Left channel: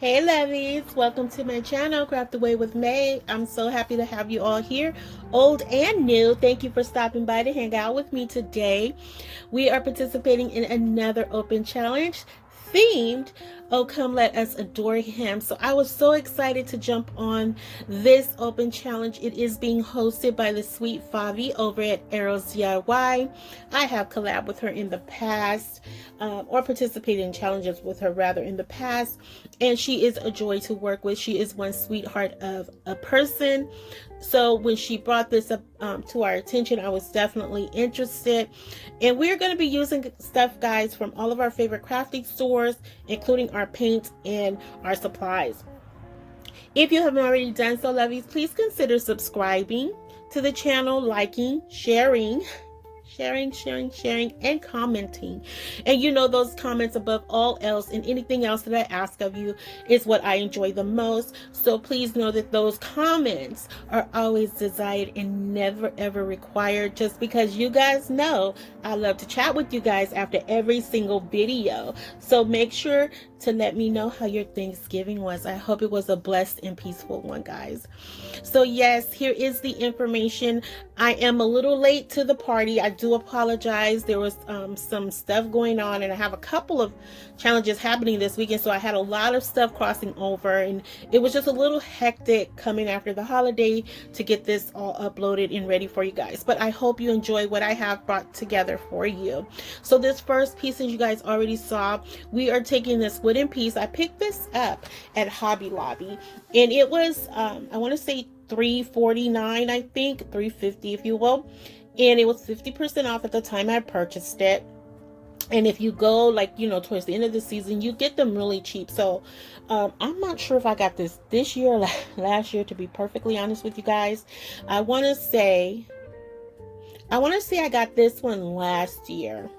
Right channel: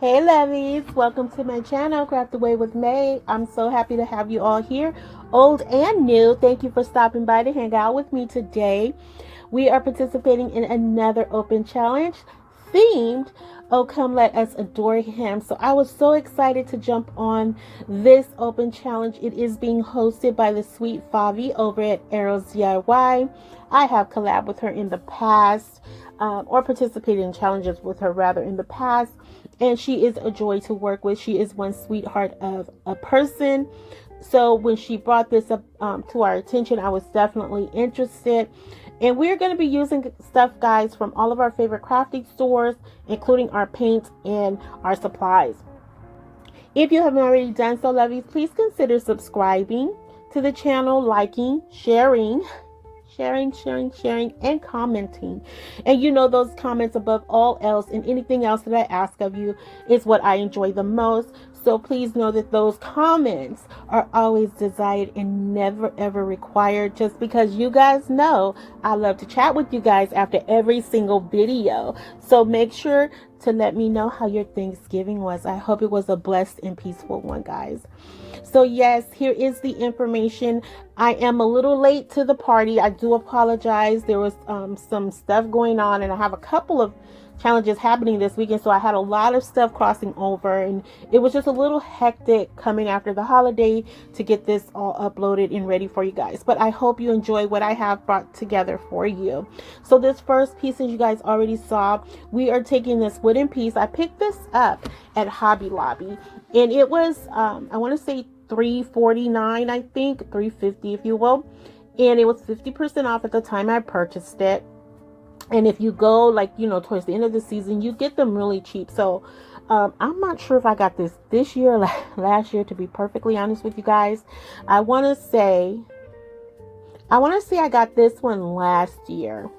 Hey Lovies, welcome to my channel, Craft Away with May. I'm so happy to have you all here, old and new. Thank you for stopping by to hang out with me today. We are participating in another open challenge themed, Oh Come Let Us Adore Him. So I was so excited to jump on this open challenge. It is being hosted by the sweet Favi over at Arrows DIY. I have collabed with her in the past, or participated in challenges with her rather in the past, and she is a joy to work with. She is one sweetheart of a person. So when she brought this up to our attention, I was definitely interested. And we're going to be using stuff, guys, from all of our favorite crafting stores, including our paint and our supplies. If you haven't already done so, lovies, please consider subscribing to the channel, liking, sharing, and commenting. And you know, those comments above all else and anything else that I ask of you is what I enjoy the most. So please know that those comments are always desired and never ever required, just because you guys know I love to chat with you guys after every single video. So make sure to let me know how your Thanksgiving was. I hope it was a blessed and peaceful one, guys. So yes, here is the information. I am a little late to the party. I do apologize. There was some stuff going on, and I have a couple of challenges happening this weekend, so I had a lot of stuff crossing over, and it was just a little hectic coming after the holiday to get this all uploaded and ready for you guys. But I hope you enjoy what I have brought together for you. So this first piece, as you guys already saw, we are taking this wooden piece. I picked this up at Hobby Lobby, and it was I want to say $3.49, I think $3.50 if you will, and it was 50% off at the time I purchased it. And if you go, like, you know, towards the end of the season, you get them really cheap. So I'm not sure if I got this year or last year, to be perfectly honest with you guys. I want to say I got this one last year.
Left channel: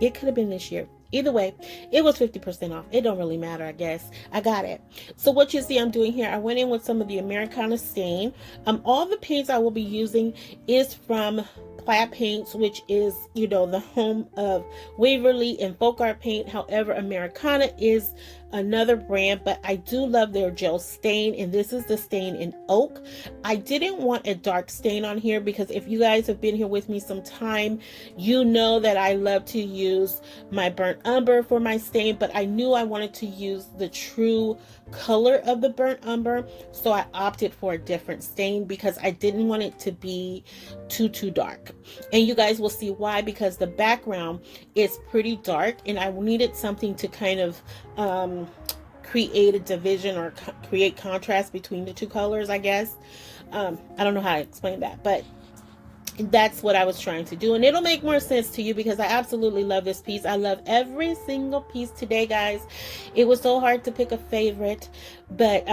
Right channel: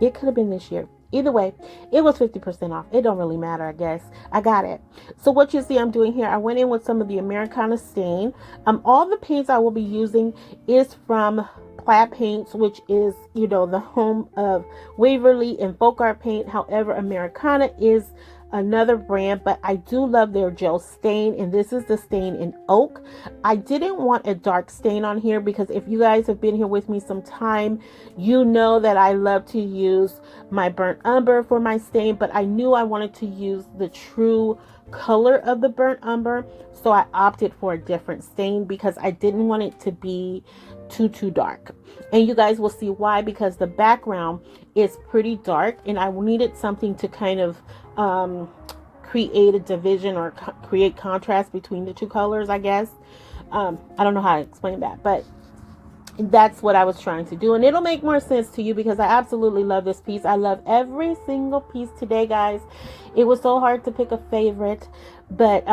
It could have been this year. Either way, it was 50% off. It don't really matter, I guess. I got it. So what you see I'm doing here, I went in with some of the Americana stain. All the paints I will be using is from Plaid paints, which is, you know, the home of Waverly and FolkArt paint. However, Americana is another brand, but I do love their gel stain, and this is the stain in oak. I didn't want a dark stain on here because if you guys have been here with me some time, you know that I love to use my burnt umber for my stain, but I knew I wanted to use the true color of the burnt umber, so I opted for a different stain because I didn't want it to be too dark. And you guys will see why, because the background is pretty dark and I needed something to kind of create a division or create contrast between the two colors, I guess. I don't know how to explain that, but that's what I was trying to do, and it'll make more sense to you because I absolutely love this piece. I love every single piece today, guys. It was so hard to pick a favorite, but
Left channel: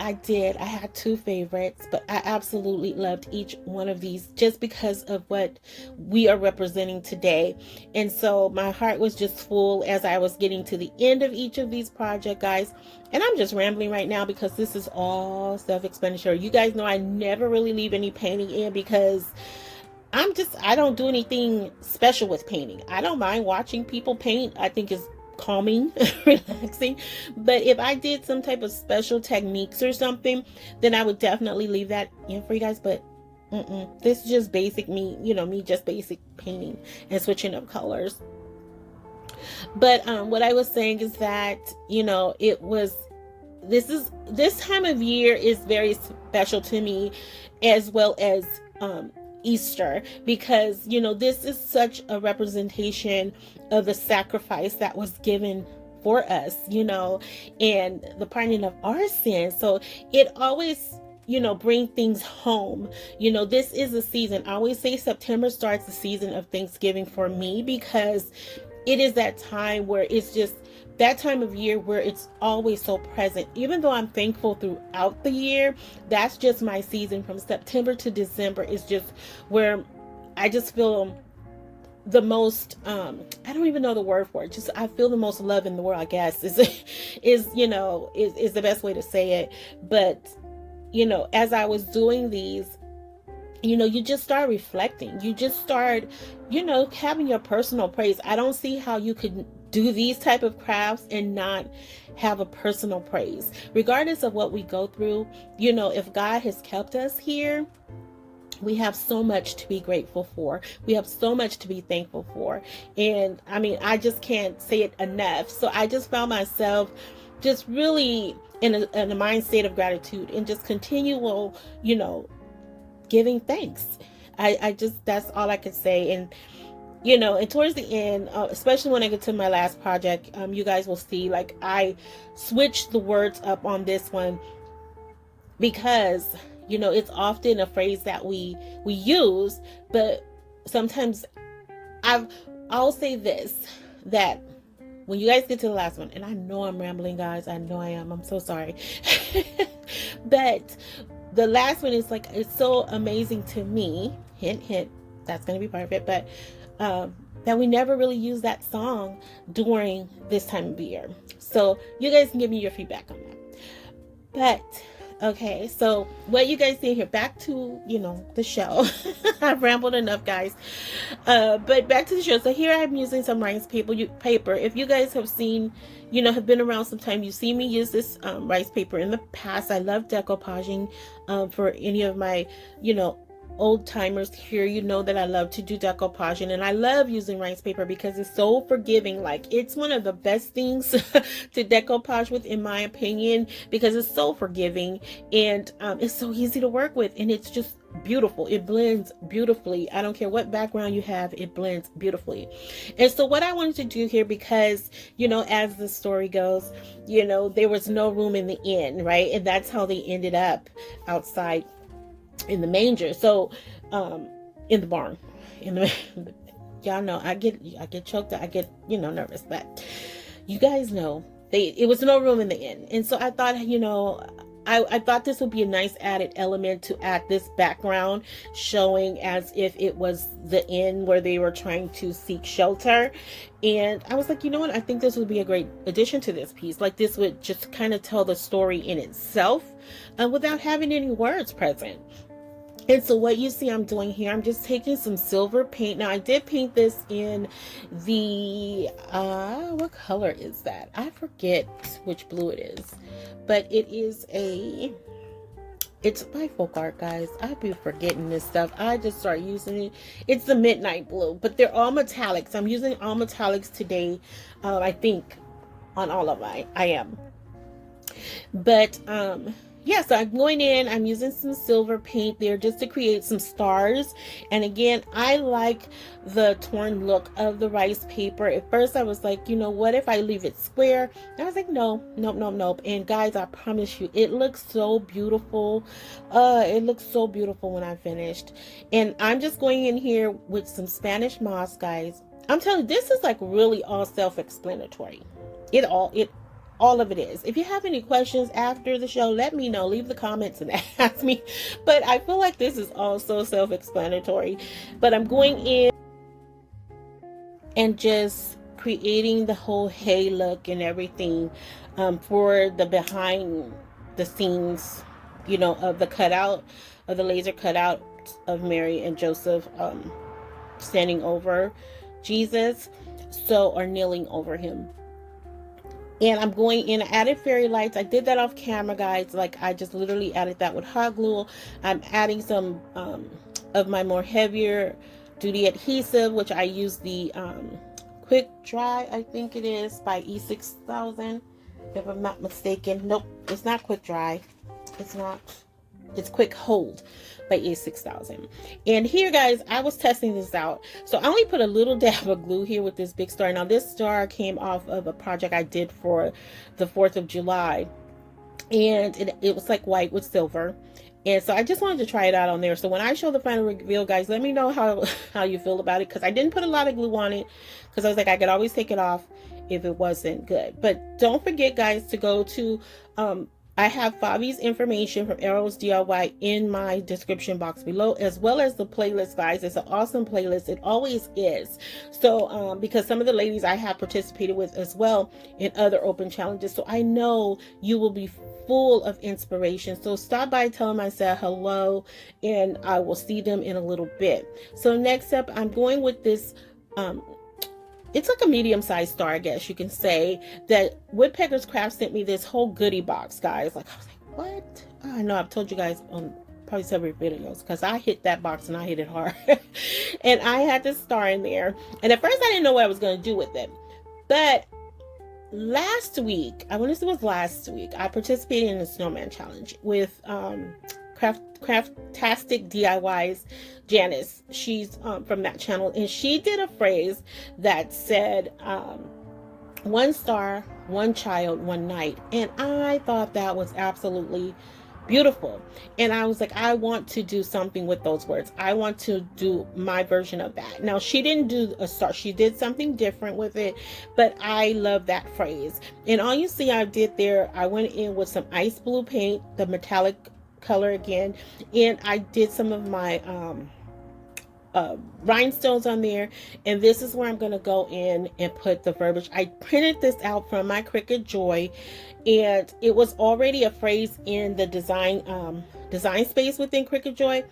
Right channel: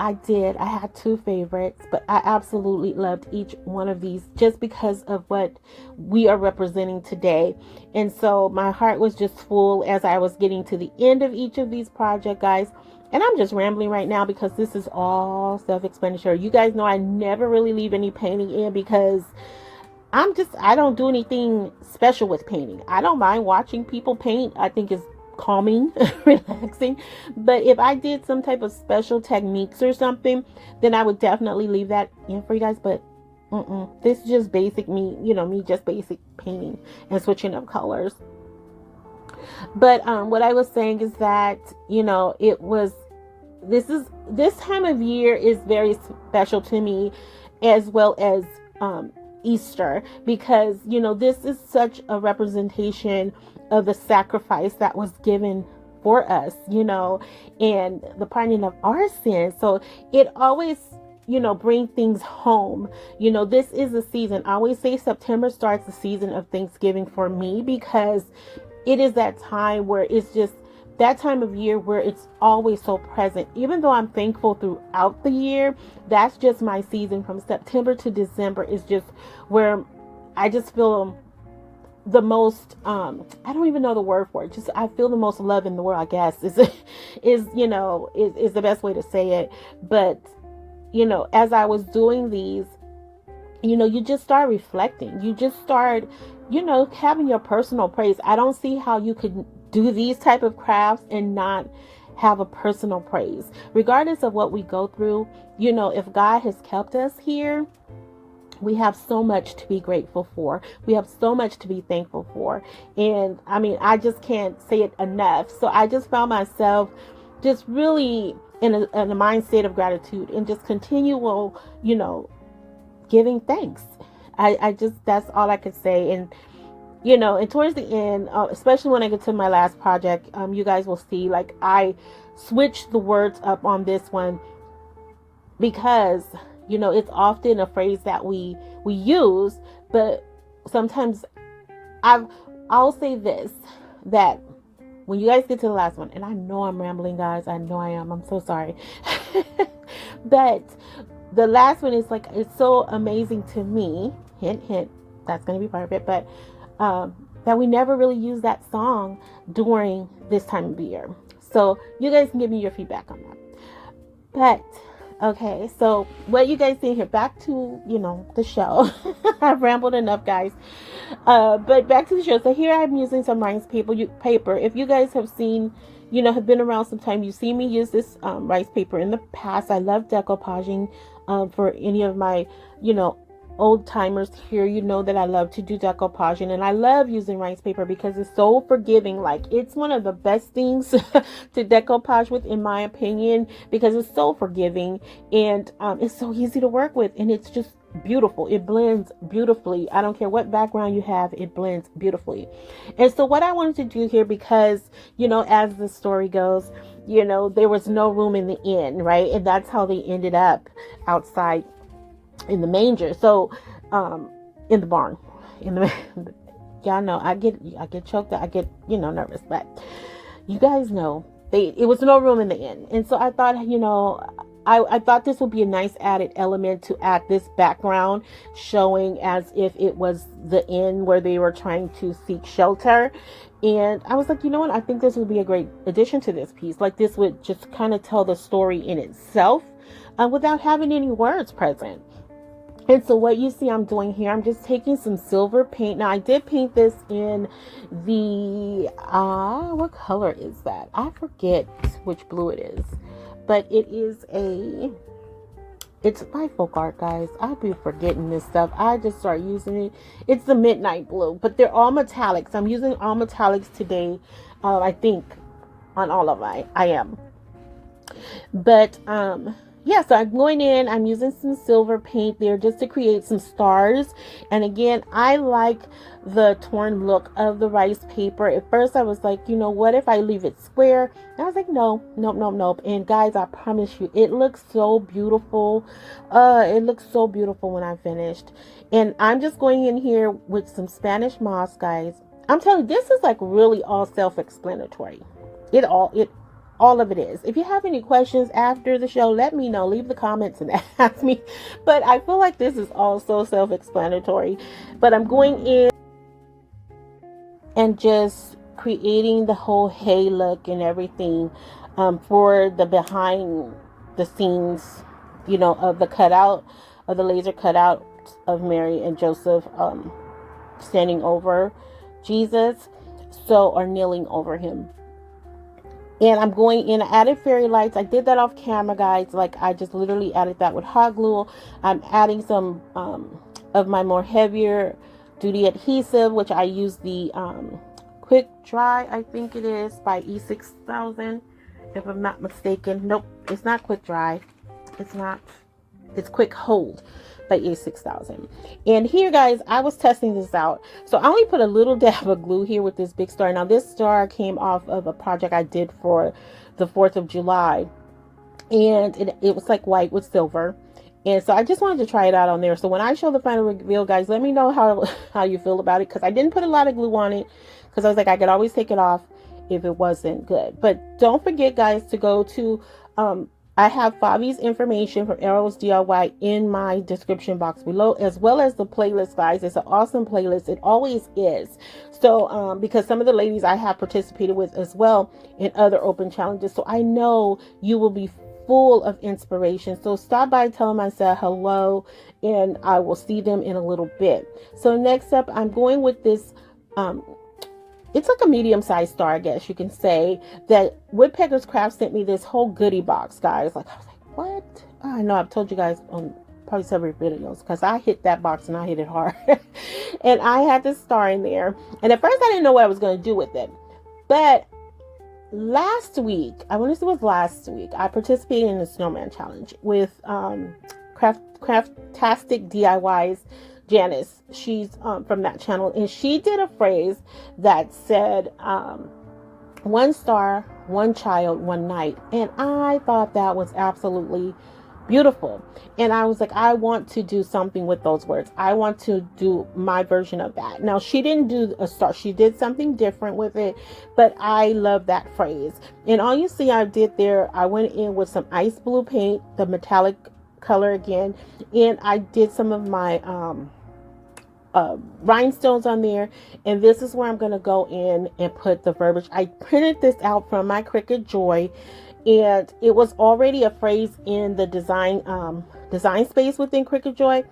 I had two favorites, but I absolutely loved each one of these just because of what we are representing today. And so my heart was just full as I was getting to the end of each of these projects, guys. And I'm just rambling right now because this is all self-explanatory. You guys know I never really leave any painting in because I don't do anything special with painting. I don't mind watching people paint. I think it's calming, relaxing. But if I did some type of special techniques or something, then I would definitely leave that in for you guys. But this is just basic me, you know, me just basic painting and switching up colors. But what I was saying is that, you know, this time of year is very special to me, as well as Easter, because, you know, this is such a representation of the sacrifice that was given for us, you know, and the pardoning of our sins. So it always, you know, bring things home. You know, this is a season. I always say September starts the season of Thanksgiving for me, because it is that time where it's just that time of year where it's always so present. Even though I'm thankful throughout the year, that's just my season from September to December is just where I just feel the most I don't even know the word for it, just I feel the most love in the world, I guess is you know, is the best way to say it. But you know, as I was doing these, you know, you just start reflecting. You just start, you know, having your personal praise. I don't see how you could do these type of crafts and not have a personal praise. Regardless of what we go through, you know, if God has kept us here, we have so much to be grateful for. We have so much to be thankful for. And I mean, I just can't say it enough. So I just found myself just really in a mind state of gratitude and just continual, you know, giving thanks. I just, that's all I could say. And, you know, and towards the end, especially when I get to my last project, you guys will see, like, I switched the words up on this one because, you know, it's often a phrase that we use, but sometimes I'll say this, that when you guys get to the last one, and I know I'm rambling, guys, I know I am, I'm so sorry. But the last one is like, it's so amazing to me, hint, hint, that's going to be part of it, but that we never really use that song during this time of year. So you guys can give me your feedback on that. But okay, so what you guys see here, back to, you know, the show. I've rambled enough, guys. But back to the show. So here I'm using some rice paper. If you guys have seen, you know, have been around some time, you've seen me use this rice paper in the past. I love decoupaging for any of my, you know, old timers here. You know that I love to do decoupaging, and I love using rice paper because it's so forgiving. Like, it's one of the best things to decoupage with, in my opinion, because it's so forgiving, and it's so easy to work with, and it's just beautiful. It blends beautifully. I don't care what background you have, it blends beautifully. And so what I wanted to do here, because, you know, as the story goes, you know, there was no room in the inn, right? And that's how they ended up outside in the manger. So in the barn, y'all know I get choked up, I get, you know, nervous, but you guys know it was no room in the inn. And so I thought, you know, I thought this would be a nice added element to add this background, showing as if it was the inn where they were trying to seek shelter. And I was like, you know what, I think this would be a great addition to this piece. Like, this would just kind of tell the story in itself without having any words present. And so what you see I'm doing here, I'm just taking some silver paint. Now, I did paint this in the, what color is that? I forget which blue it is, but it is it's by FolkArt, guys. I'd be forgetting this stuff. I just start using it. It's the midnight blue, but they're all metallics. I'm using all metallics today. I think on all of I am. But, yeah, so I'm going in, I'm using some silver paint there just to create some stars. And again, I like the torn look of the rice paper. At first I was like, you know, what if I leave it square? And I was like, no, nope, nope, nope. And guys, I promise you, it looks so beautiful. It looks so beautiful when I finished. And I'm just going in here with some Spanish moss, guys. I'm telling you, this is like really all self-explanatory. All of it is. If you have any questions after the show, let me know. Leave the comments and ask me. But I feel like this is also self-explanatory. But I'm going in and just creating the whole hay look and everything for the behind the scenes, you know, of the cutout, of the laser cutout of Mary and Joseph standing over Jesus, or kneeling over him. And I'm going in, I added fairy lights. I did that off camera, guys. Like, I just literally added that with hot glue. I'm adding some of my more heavier duty adhesive, which I use the Quick Dry, I think it is, by E6000, if I'm not mistaken. Nope, it's not Quick Dry. It's not. It's Quick Hold by E6000. And here, guys, I was testing this out. So I only put a little dab of glue here with this big star. Now, this star came off of a project I did for the 4th of July. And it was like white with silver. And so I just wanted to try it out on there. So when I show the final reveal, guys, let me know how you feel about it. Because I didn't put a lot of glue on it. Because I was like, I could always take it off if it wasn't good. But don't forget, guys, to go to... I have Fabi's information from Arrows DIY in my description box below, as well as the playlist, guys. It's an awesome playlist. It always is. So, because some of the ladies I have participated with as well in other open challenges. So I know you will be full of inspiration. So stop by, tell them I said hello, and I will see them in a little bit. So next up, I'm going with this it's like a medium-sized star, I guess you can say, that Woodpecker's Craft sent me this whole goodie box, guys. Like, I was like, what? Oh, I know I've told you guys on probably several videos, because I hit that box and I hit it hard. And I had this star in there, and at first I didn't know what I was going to do with it. But last week, I want to say it was last week, I participated in a snowman challenge with Craftastic DIYs. Janice, she's from that channel, and she did a phrase that said, one star, one child, one night. And I thought that was absolutely beautiful. And I was like, I want to do something with those words. I want to do my version of that. Now, she didn't do a star. She did something different with it, but I love that phrase. And all you see I did there, I went in with some ice blue paint, the metallic color again, and I did some of my rhinestones on there, and this is where I'm going to go in and put the verbiage. I printed this out from my Cricut Joy, and it was already a phrase in the design space within Cricut Joy.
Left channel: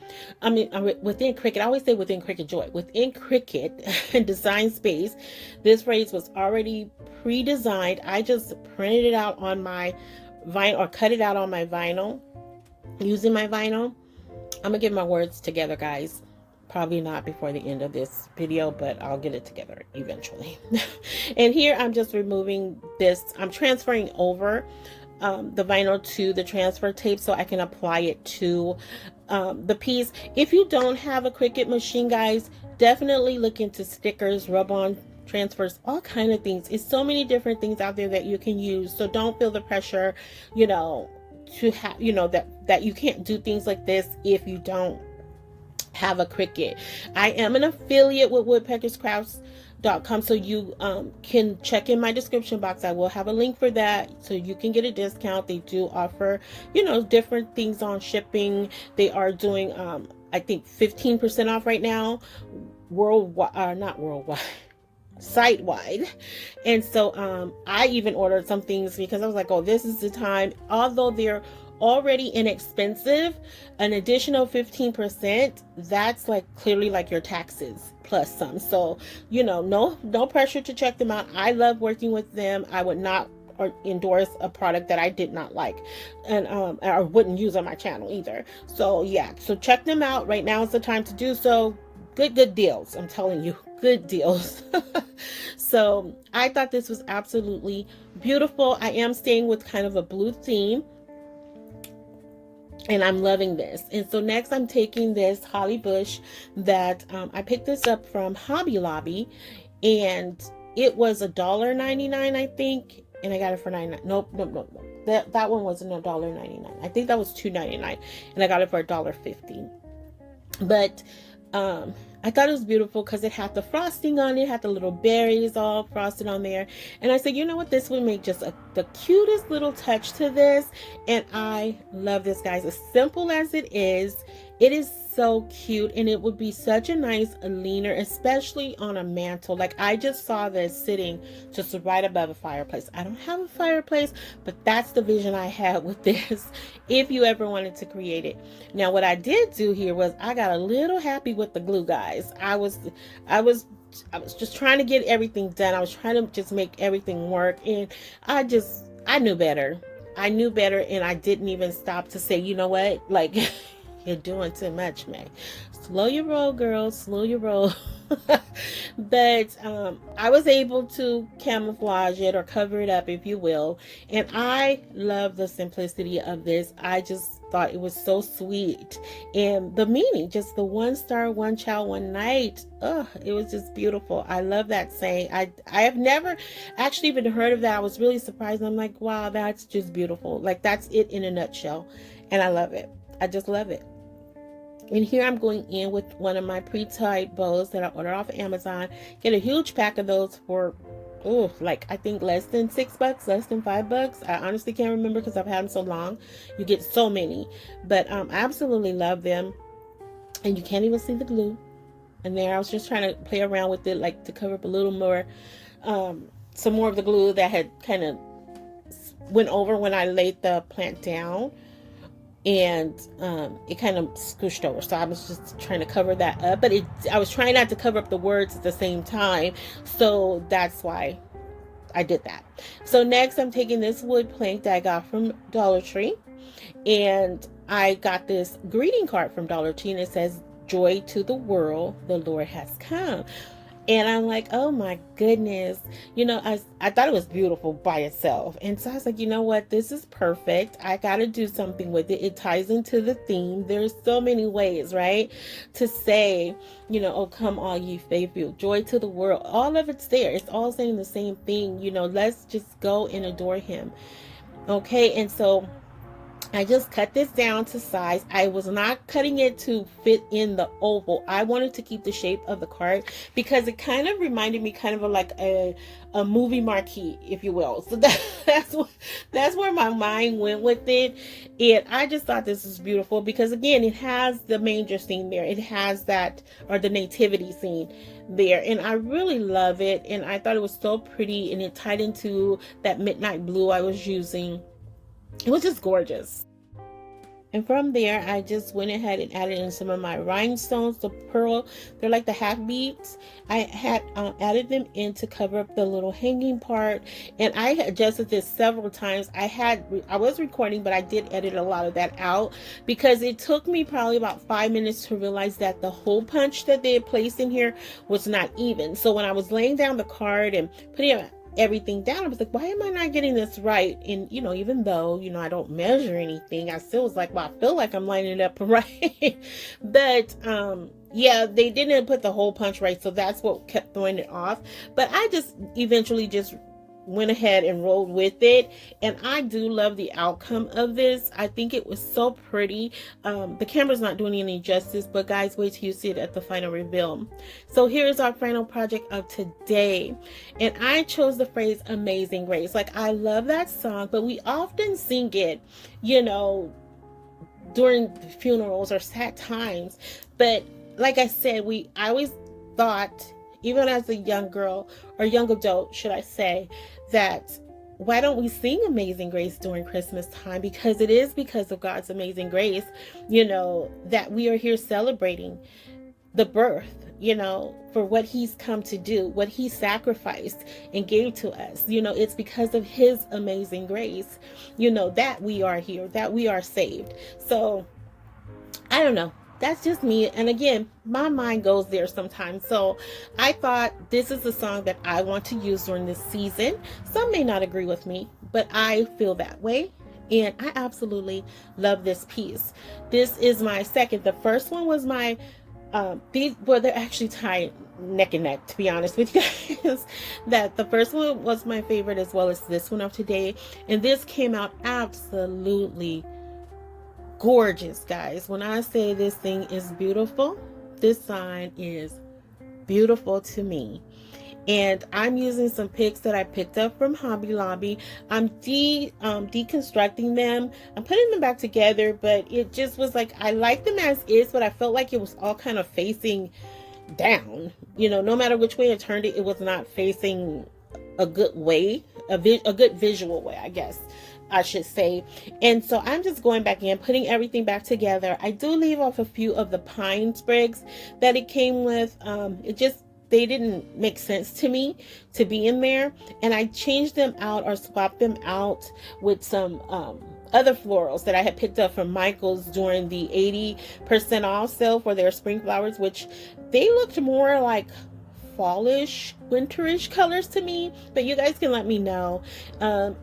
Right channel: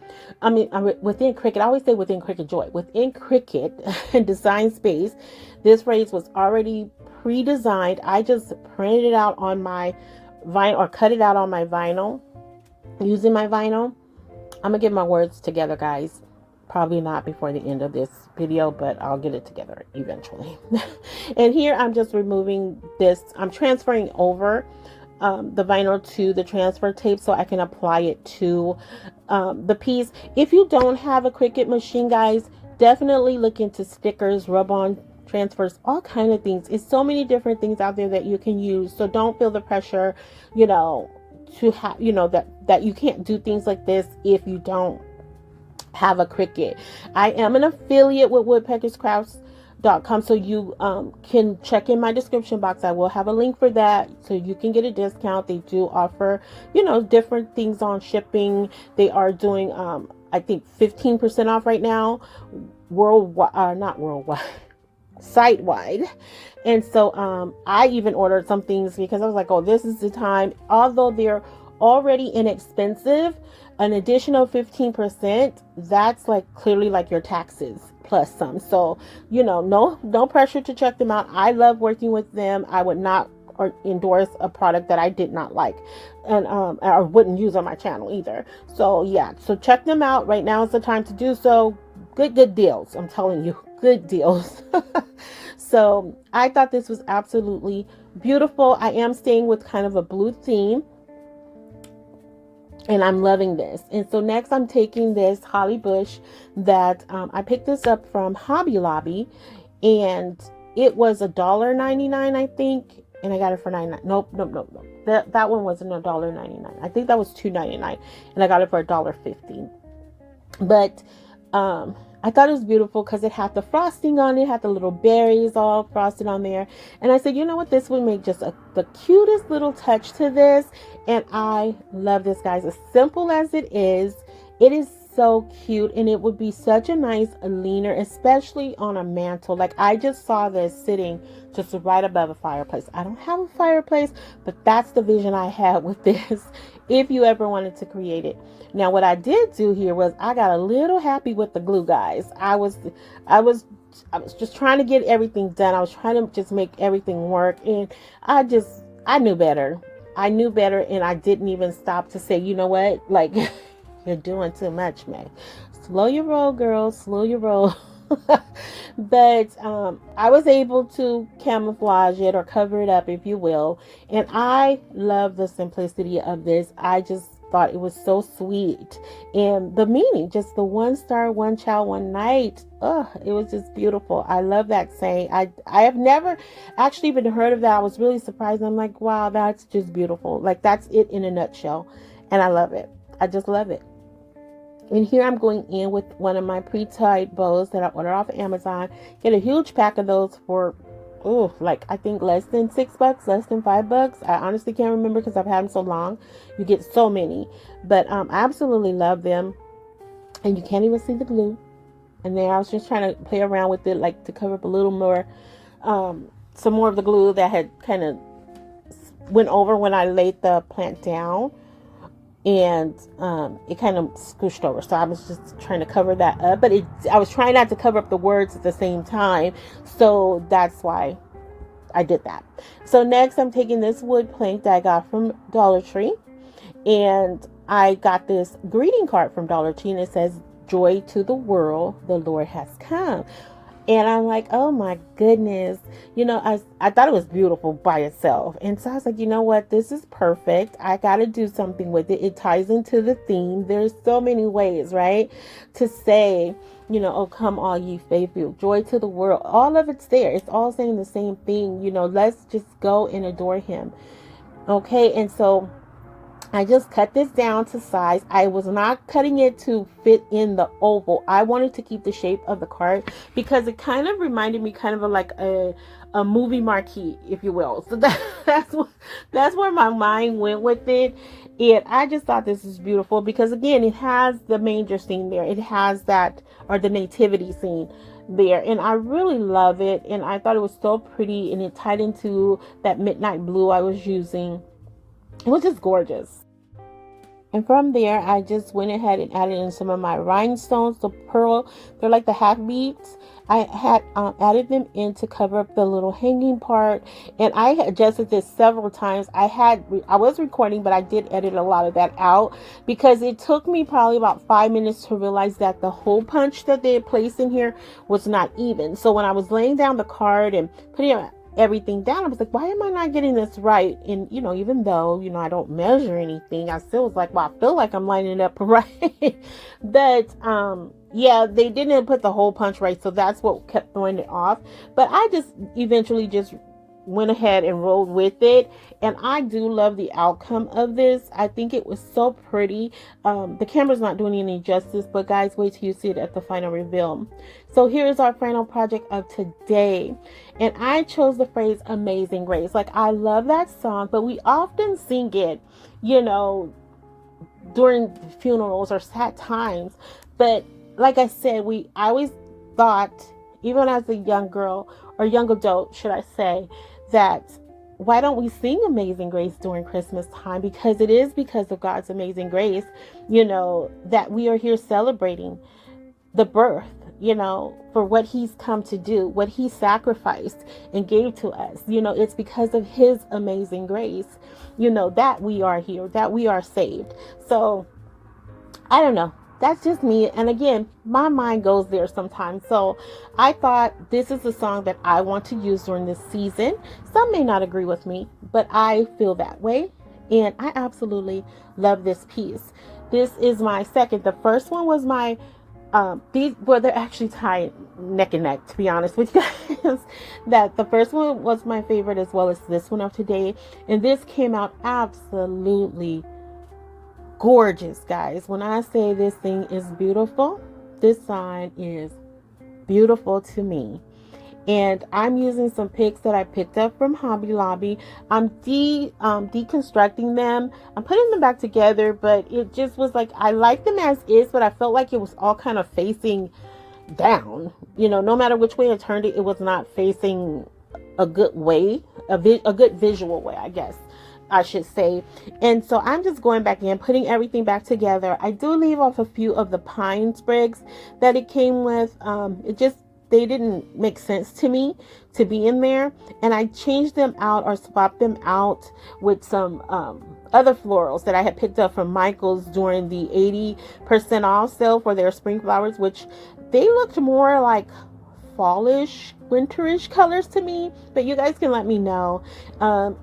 I mean, within Cricut, I always say within Cricut Joy, within Cricut and design space, this phrase was already pre-designed. I just printed it out on my vinyl, or cut it out on my vinyl using my vinyl. I'm gonna get my words together, guys. Probably not before the end of this video, but I'll get it together eventually. And here I'm just removing this. I'm transferring over the vinyl to the transfer tape so I can apply it to the piece. If you don't have a Cricut machine, guys, definitely look into stickers, rub-on transfers, all kind of things. It's so many different things out there that you can use. So don't feel the pressure, you know, to have, you know, that you can't do things like this if you don't have a Cricut. I am an affiliate with woodpeckerscrafts.com, so you can check in my description box. I will have a link for that, so you can get a discount. They do offer, you know, different things on shipping. They are doing I think 15% off right now, worldwide, not worldwide, site-wide. And so I even ordered some things because I was like, oh, this is the time. Although they're already inexpensive, an additional 15%, that's like clearly like your taxes plus some. So, you know, no pressure to check them out. I love working with them. I would not endorse a product that I did not like, and I wouldn't use on my channel either. So yeah, so check them out. Right now is the time to do so. Good deals, I'm telling you, good deals. So I thought this was absolutely beautiful. I am staying with kind of a blue theme, and I'm loving this. And so next I'm taking this holly bush that I picked this up from Hobby Lobby, and it was $1.99, I think, and I got it for 99. Nope. That one wasn't $1.99. I think that was $2.99, and I got it for $1.50. But I thought it was beautiful because it had the frosting on it, had the little berries all frosted on there. And I said, you know what, this would make just the cutest little touch to this. And I love this, guys. As simple as it is so cute, and it would be such a nice leaner, especially on a mantle. Like, I just saw this sitting just right above a fireplace. I don't have a fireplace, but that's the vision I had with this, if you ever wanted to create it. Now, what I did do here was I got a little happy with the glue, guys. I was just trying to get everything done. I was trying to just make everything work, and I knew better. I knew better, and I didn't even stop to say, you know what, like, you're doing too much, May. Slow your roll, girl. Slow your roll. But I was able to camouflage it, or cover it up, if you will. And I love the simplicity of this. I just thought it was so sweet. And the meaning, just the one star, one child, one night. Oh, it was just beautiful. I love that saying. I have never actually even heard of that. I was really surprised. I'm like, wow, that's just beautiful. Like, that's it in a nutshell. And I love it. I just love it. And here I'm going in with one of my pre-tied bows that I ordered off of Amazon. Get a huge pack of those for, like, I think less than $6, less than $5. I honestly can't remember because I've had them so long. You get so many. But I absolutely love them. And you can't even see the glue. And there I was just trying to play around with it, like, to cover up a little more, some more of the glue that had kind of went over when I laid the plant down. and it kind of scooshed over. So I was just trying to cover that up, but I was trying not to cover up the words at the same time. So that's why I did that. So next I'm taking this wood plank that I got from Dollar Tree, and I got this greeting card from Dollar Tree, and it says, "Joy to the world, the Lord has come." And I'm like, oh my goodness. I thought it was beautiful by itself. And so I was like, you know what? This is perfect. I got to do something with it. It ties into the theme. There's so many ways, right? To say, oh, come all ye faithful, joy to the world. All of it's there. It's all saying the same thing. Let's just go and adore him. Okay. And so I just cut this down to size. I was not cutting it to fit in the oval. I wanted to keep the shape of the card because it kind of reminded me kind of like a movie marquee, if you will. So that's where my mind went with it. And I just thought this was beautiful because, again, it has the manger scene there. It has that, or the nativity scene there. And I really love it. And I thought it was so pretty, and it tied into that midnight blue I was using. It was just gorgeous. And from there, I just went ahead and added in some of my rhinestones, the pearl. They're like the half beads. I had added them in to cover up the little hanging part. And I adjusted this several times. I was recording, but I did edit a lot of that out because it took me probably about 5 minutes to realize that the hole punch that they had placed in here was not even. So when I was laying down the card and putting everything down, I was like, why am I not getting this right? And even though I don't measure anything, I still was like, well, I feel like I'm lining it up right. But yeah, they didn't put the hole punch right, so that's what kept throwing it off. But I just eventually just went ahead and rolled with it, and I do love the outcome of this. I think it was so pretty. The camera's not doing any justice, but guys, wait till you see it at the final reveal. So here's our final project of today, and I chose the phrase "Amazing Grace." Like, I love that song, but we often sing it during funerals or sad times. But like I said, I always thought, even as a young girl, or young adult should I say, that why don't we sing Amazing Grace during Christmas time? Because it is because of God's amazing grace, that we are here celebrating the birth, for what he's come to do, what he sacrificed and gave to us. It's because of his amazing grace, that we are here, that we are saved. So I don't know. That's just me. And again, my mind goes there sometimes. So I thought this is a song that I want to use during this season. Some may not agree with me, but I feel that way. And I absolutely love this piece. This is my second. The first one was my, they're actually tied neck and neck, to be honest with you guys. That the first one was my favorite, as well as this one of today. And this came out absolutely gorgeous, guys. When I say this thing is beautiful, this sign is beautiful to me. And I'm using some picks that I picked up from Hobby Lobby. I'm deconstructing them. I'm putting them back together, but it just was like, I like them as is, but I felt like it was all kind of facing down. No matter which way I turned it, it was not facing a good way, a good visual way, I guess I should say. And so I'm just going back in, putting everything back together. I do leave off a few of the pine sprigs that it came with. They didn't make sense to me to be in there, and I changed them out or swapped them out with some other florals that I had picked up from Michael's during the 80% off sale for their spring flowers, which they looked more like fallish, winterish colors to me. But you guys can let me know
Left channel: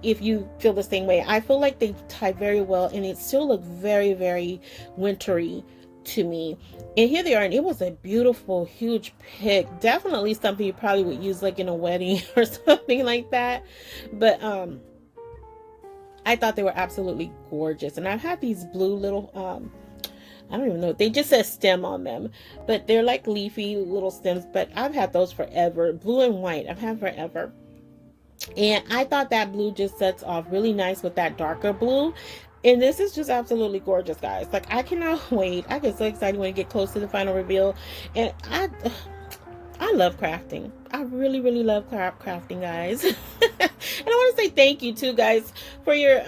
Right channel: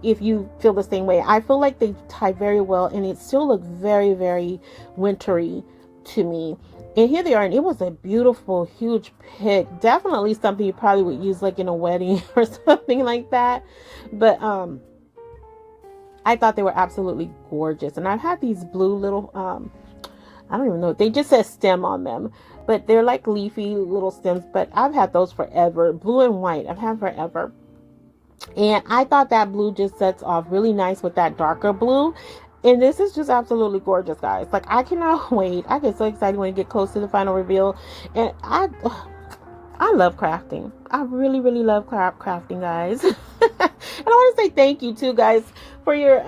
if you feel the same way. I feel like they tie very well, and it still look very, very wintry to me. And here they are, and it was a beautiful, huge pick. Definitely something you probably would use like in a wedding or something like that. But I thought they were absolutely gorgeous. And I've had these blue little I don't even know, they just said stem on them, but they're like leafy little stems. But I've had those forever. Blue and white, I've had forever. And I thought that blue just sets off really nice with that darker blue. And this is just absolutely gorgeous, guys. Like, I cannot wait. I get so excited when I get close to the final reveal. And I love crafting. I really, really love crafting, guys. And I want to say thank you too, guys, for your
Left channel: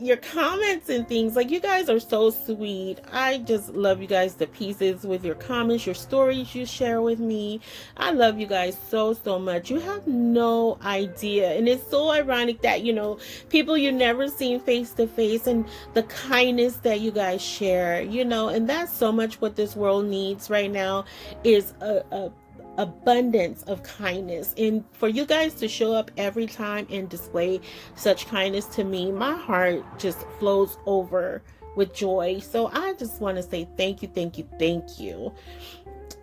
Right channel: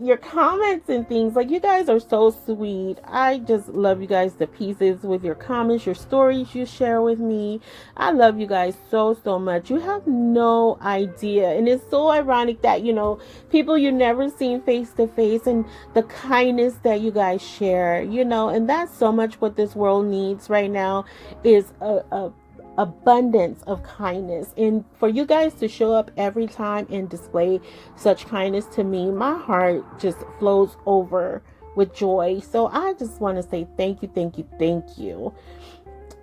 your comments and things. Like, you guys are so sweet. I just love you guys to pieces with your comments, your stories you share with me. I love you guys so, so much. You have no idea. And it's so ironic that, you know, people you never seen face to face, and the kindness that you guys share, you know, and that's so much what this world needs right now, is a abundance of kindness. And for you guys to show up every time and display such kindness to me, my heart just flows over with joy. So I just want to say thank you, thank you, thank you.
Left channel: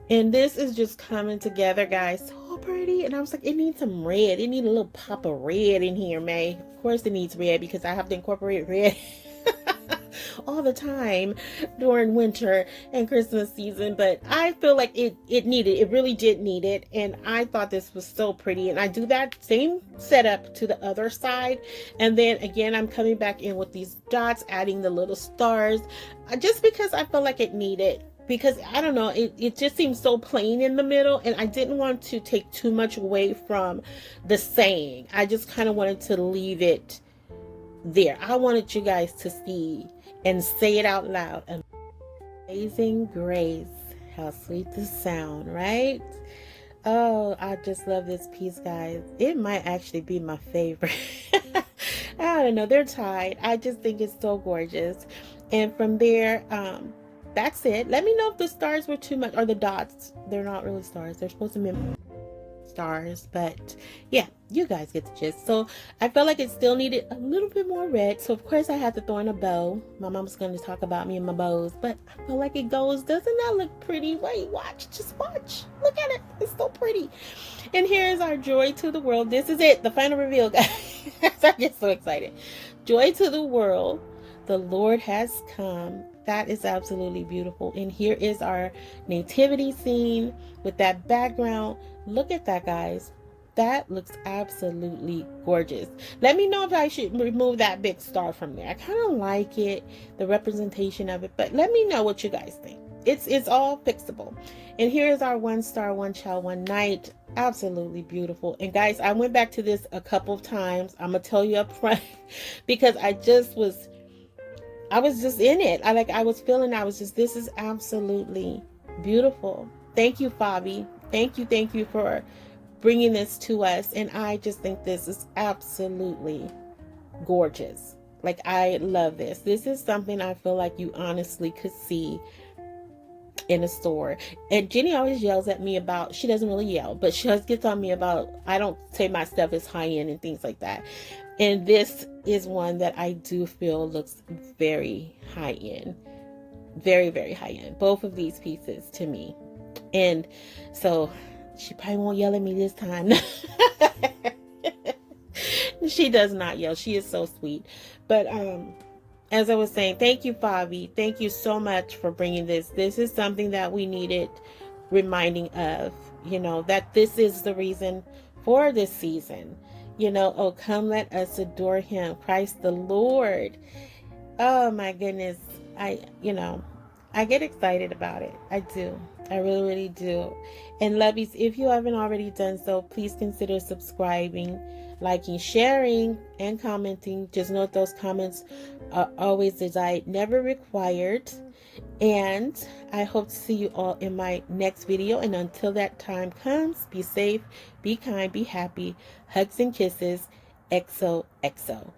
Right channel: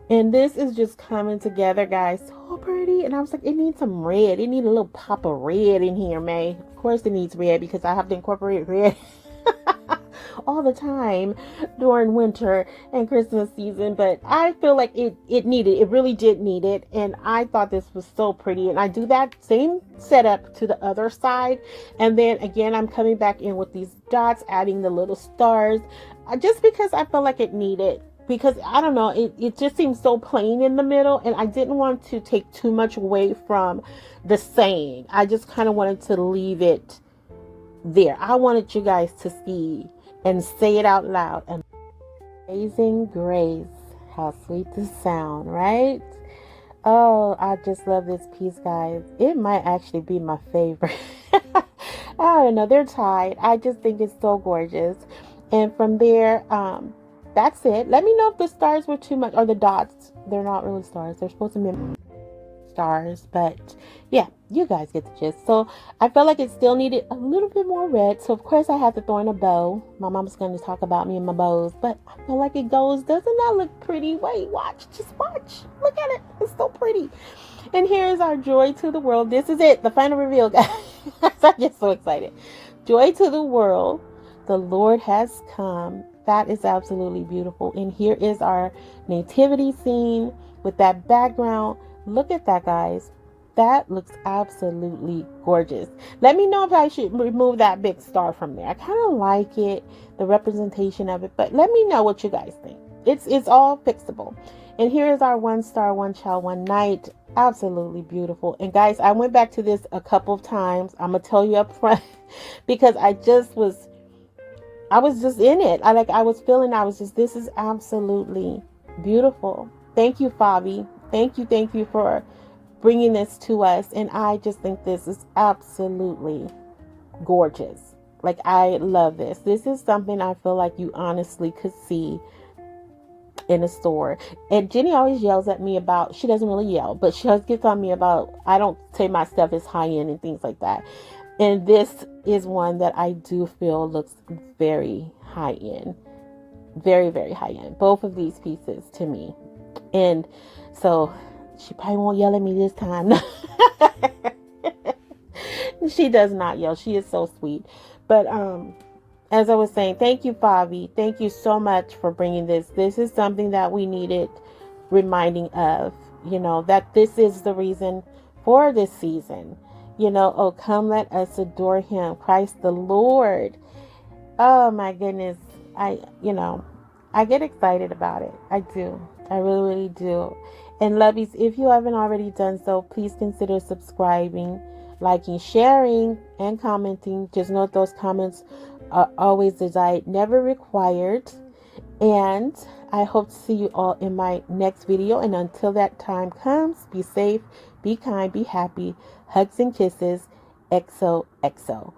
And this is just coming together, guys, so pretty. And I was like, it needs some red. It needs a little pop of red in here, May. Of course it needs red, because I have to incorporate red all the time during winter and Christmas season. But I feel like it really did need it. And I thought this was so pretty. And I do that same setup to the other side. And then again, I'm coming back in with these dots, adding the little stars, just because I felt like it needed. Because I don't know, it just seems so plain in the middle, and I didn't want to take too much away from the saying. I just kind of wanted to leave it there. I wanted you guys to see and say it out loud. Amazing grace, how sweet the sound, right? Oh, I just love this piece, guys. It might actually be my favorite. I don't know, they're tied. I just think it's so gorgeous. And from there, that's it. Let me know if the stars were too much, or the dots. They're not really stars. They're supposed to be stars, but yeah, you guys get the gist. So I felt like it still needed a little bit more red. So of course I had to throw in a bow. My mom's going to talk about me and my bows, but I feel like it goes. Doesn't that look pretty? Wait, watch. Just watch. Look at it. It's so pretty. And here's our joy to the world. This is it. The final reveal, guys. I get so excited. Joy to the world. The Lord has come. That is absolutely beautiful. And here is our nativity scene with that background. Look at that, guys. That looks absolutely gorgeous. Let me know if I should remove that big star from there. I kind of like it, the representation of it, but let me know what you guys think. It's all fixable. And here is our one star, one child, one night. Absolutely beautiful. And guys, I went back to this a couple of times. I'm gonna tell you up front because I was just in it. This is absolutely beautiful. Thank you, Fabi. Thank you for bringing this to us. And I just think this is absolutely gorgeous. Like, I love this. This is something I feel like you honestly could see in a store. And Jenny always yells at me about, she doesn't really yell, but she always gets on me about, I don't say my stuff is high end and things like that. And this is one that I do feel looks very high end. Very, very high end. Both of these pieces to me. And so she probably won't yell at me this time. She does not yell. She is so sweet. But as I was saying, thank you, Fabi. Thank you so much for bringing this. This is something that we needed reminding of, you know, that this is the reason for this season. You know, oh, come let us adore him, Christ the Lord. Oh my goodness. I get excited about it. I do. I really, really do. And lovies, if you haven't already done so, please consider subscribing, liking, sharing, and commenting. Just note those comments are always desired, never required. And I hope to see you all in my next video. And until that time comes, be safe, be kind, be happy. Hugs and kisses. XOXO.